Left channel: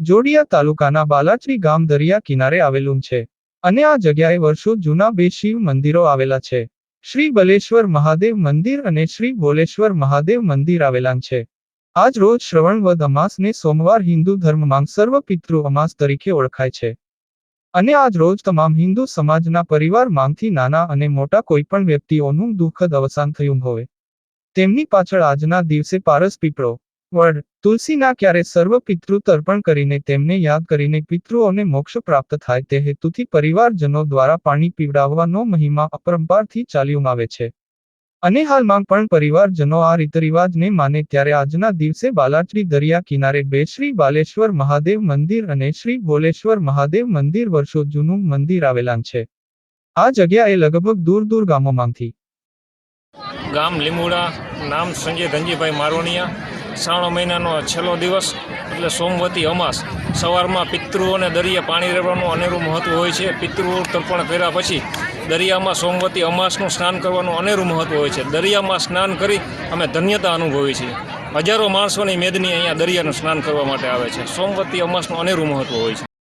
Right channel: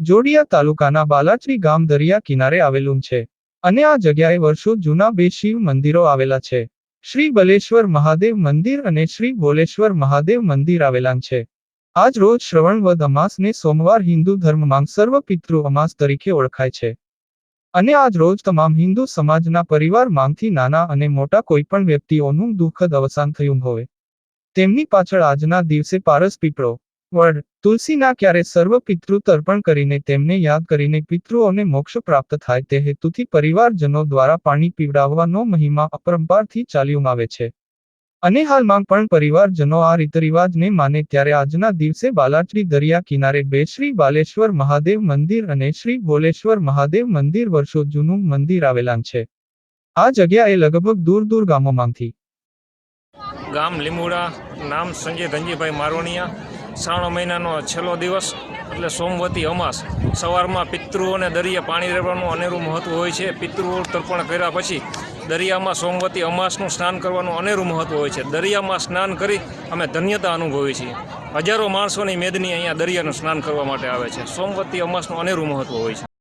જોડિયા તાલુકાના બાલાચરી ગામ દરિયા કિનારે આવેલું છે. અને આ જગ્યાએ વર્ષો જૂના બે શિવ મંદિરો આવેલા છે. શ્રી બલેશ્વર મહાદેવ મંદિર અને શ્રી ભોલેશ્વર મહાદેવ મંદિર આવેલા છે. આજ રોજ શ્રવણ વદ અમાસને સોમવાર હિન્દુ ધર્મમાં સર્વ પિતૃ અમાસ તરીકે ઓળખાય છે. અને આજ રોજ તમામ હિન્દુ સમાજના પરિવારમાંથી નાના અને મોટા કોઈપણ વ્યક્તિઓનું દુઃખદ અવસાન થયું હોય. તેમની પાછળ આજના દિવસે પારસ પીપળો વડ તુલસીના ક્યારે સર્વ પિતૃ તર્પણ કરીને તેમને યાદ કરીને પિતૃઓને મોક્ષ પ્રાપ્ત થાય તે હેતુથી પરિવારજનો દ્વારા પાણી પીવડાવવાનો મહિમા અપરંપારથી ચાલ્યું આવે છે. અને હાલમાં પણ પરિવારજનો આ રીતરિવાજને માને ત્યારે આજના દિવસે બાલાચડી દરિયા કિનારે બે શ્રી બાલેશ્વર મહાદેવ મંદિર અને શ્રી ભોલેશ્વર મહાદેવ મંદિર વર્ષો જૂનું મંદિર આવેલા છે. આ જગ્યાએ લગભગ દૂર દૂર ગામોમાંથી. ગામ લીમુડા, નામ સંજય ધનજીભાઈ મારવાણિયા શ્રાવણ મહિનાનો છેલ્લો દિવસ એટલે સોમવતી અમાસ. સવારમાં પિતૃઓને દરિયા પાણી રહેવાનું અનેરું મહત્ત્વ હોય છે. પિતૃઓ તર્પણ કર્યા પછી દરિયામાં સોમવતી અમાસનું સ્નાન કરવાનું અનેરું મહત્ત્વ હોય છે. દરિયામાં સ્નાન કરી અમે ધન્યતા અનુભવીએ છીએ. હજારો માણસોની મેદની અહીંયા દરિયાનું સ્નાન કરવા માટે આવે છે. સોમવતી અમાસનું અનેરું મહત્ત્વ હોય છે.